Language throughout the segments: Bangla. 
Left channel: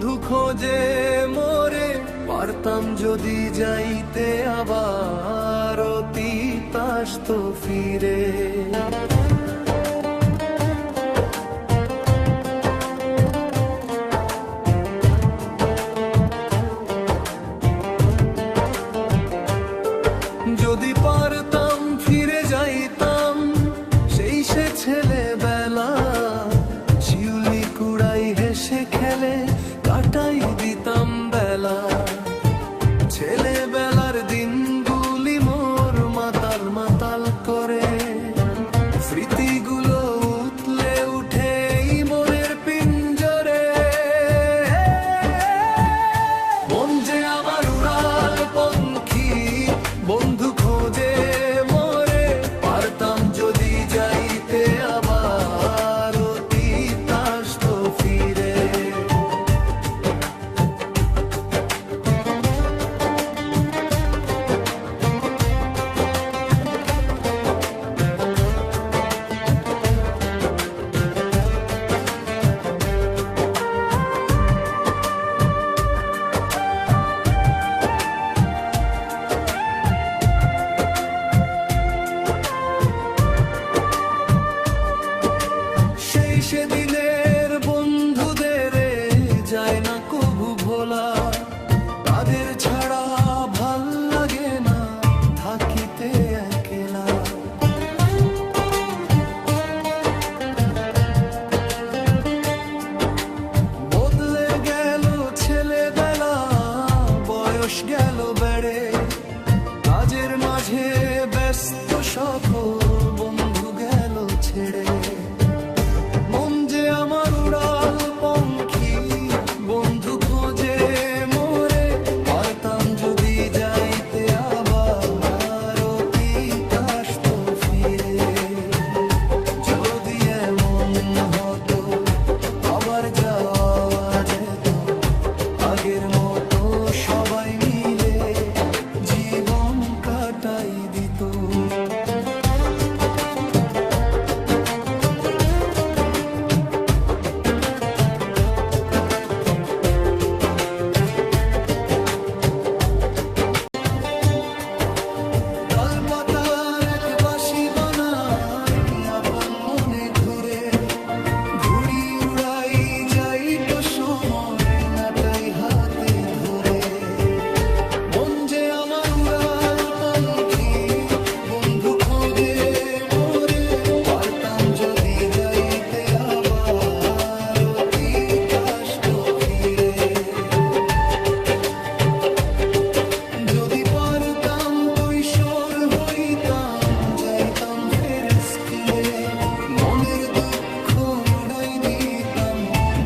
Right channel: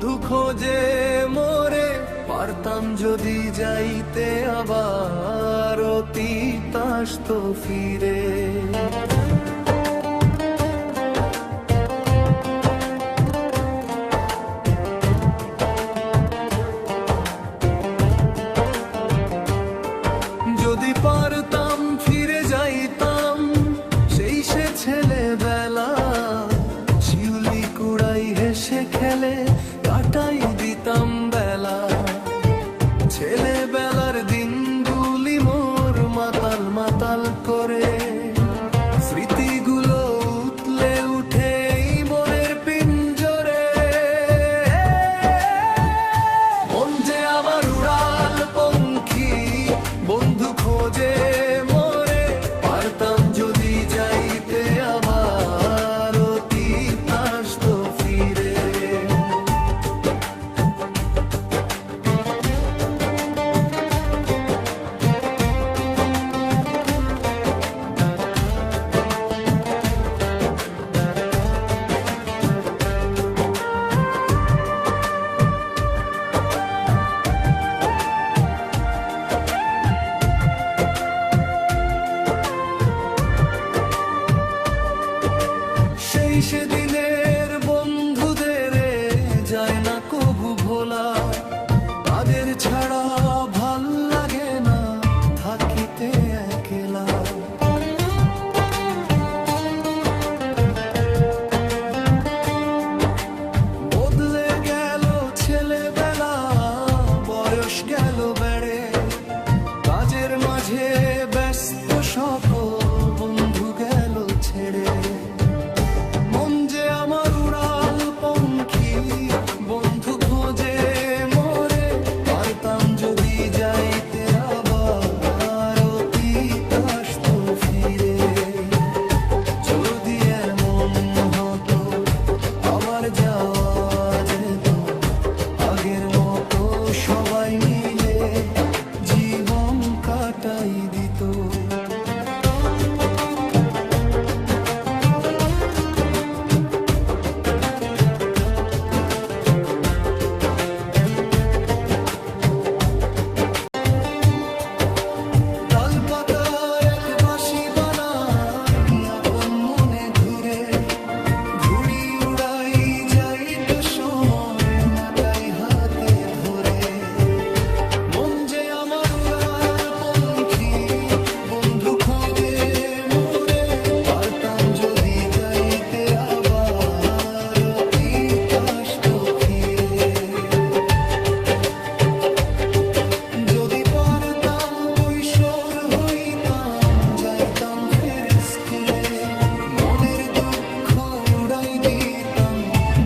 বন্ধু খোঁজে মোরে, পারতাম যদি যাইতে আবার অতীত আসতো ফিরে। যদি পারতাম ফিরে যাইতাম সেই সে ছেলেবেলা, শিউলি কুড়াই হেসে খেলে কাটাই দিতাম বেলা। ছেলেবেলার দিনগুলি মোর মাতাল মাতাল করে, স্মৃতিগুলো উতলে উঠে এই মনের পিঞ্জরে। মন যে আমার উড়াল পঙ্খী, বন্ধু খোঁজে মোরে, পারতাম যদি যাইতে আবার অতীত আসতো ফিরে। সেই সেদিনের বন্ধুদের যায় না কবু ভোলা, তাদের ছাড়া ভাল লাগে না থাকিতে একলা। বদলে গেল ছেলেবেলা, বয়স গেল বেড়ে, কাজের মাঝে ব্যস্ত সকল বন্ধু গেল ছেড়ে। মন যে আমার উড়াল পঙ্খী, বন্ধু খোঁজে মোরে, পারতাম যদি যাইতে আবার অতীত আসতো ফিরে। যদি এমন হতো আবার যাওয়া যেত, আগের মতো সবাই মিলে জীবন কাটাই দিত। পাতার এক বাঁশি বানাই আপন মনে ঘুরে, ঘুড়ি উড়াই যাই তো সময় নাটাই হাতে ধরে। মন যে আমার উড়াল পঙ্খী, বন্ধু খোঁজে মোরে, পারতাম যদি যাইতে আবার অতীত আসতো ফিরে। যদি পারতাম কৈশোর হইতাম, যাইতাম ফের স্কুলে, মনের দুঃখ উড়াই দিতাম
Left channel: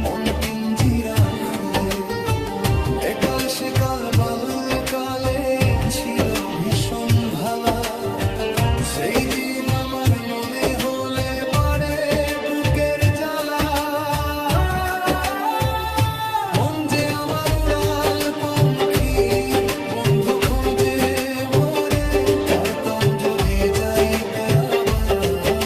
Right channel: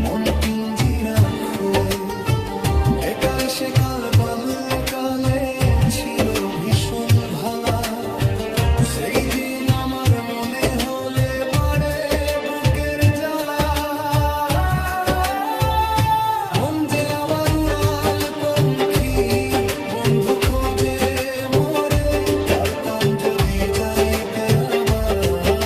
মন পিঞ্জিরা খুলে। একাল সেকাল বাল্যকালে ছিল ভীষণ ভালা, সেই দিন আমার মনে হলে পারে বুকের জ্বালা। মন যে আমার উড়াল পঙ্খী, বন্ধু খোঁজে মোরে, পারতাম যদি যাইতে আবার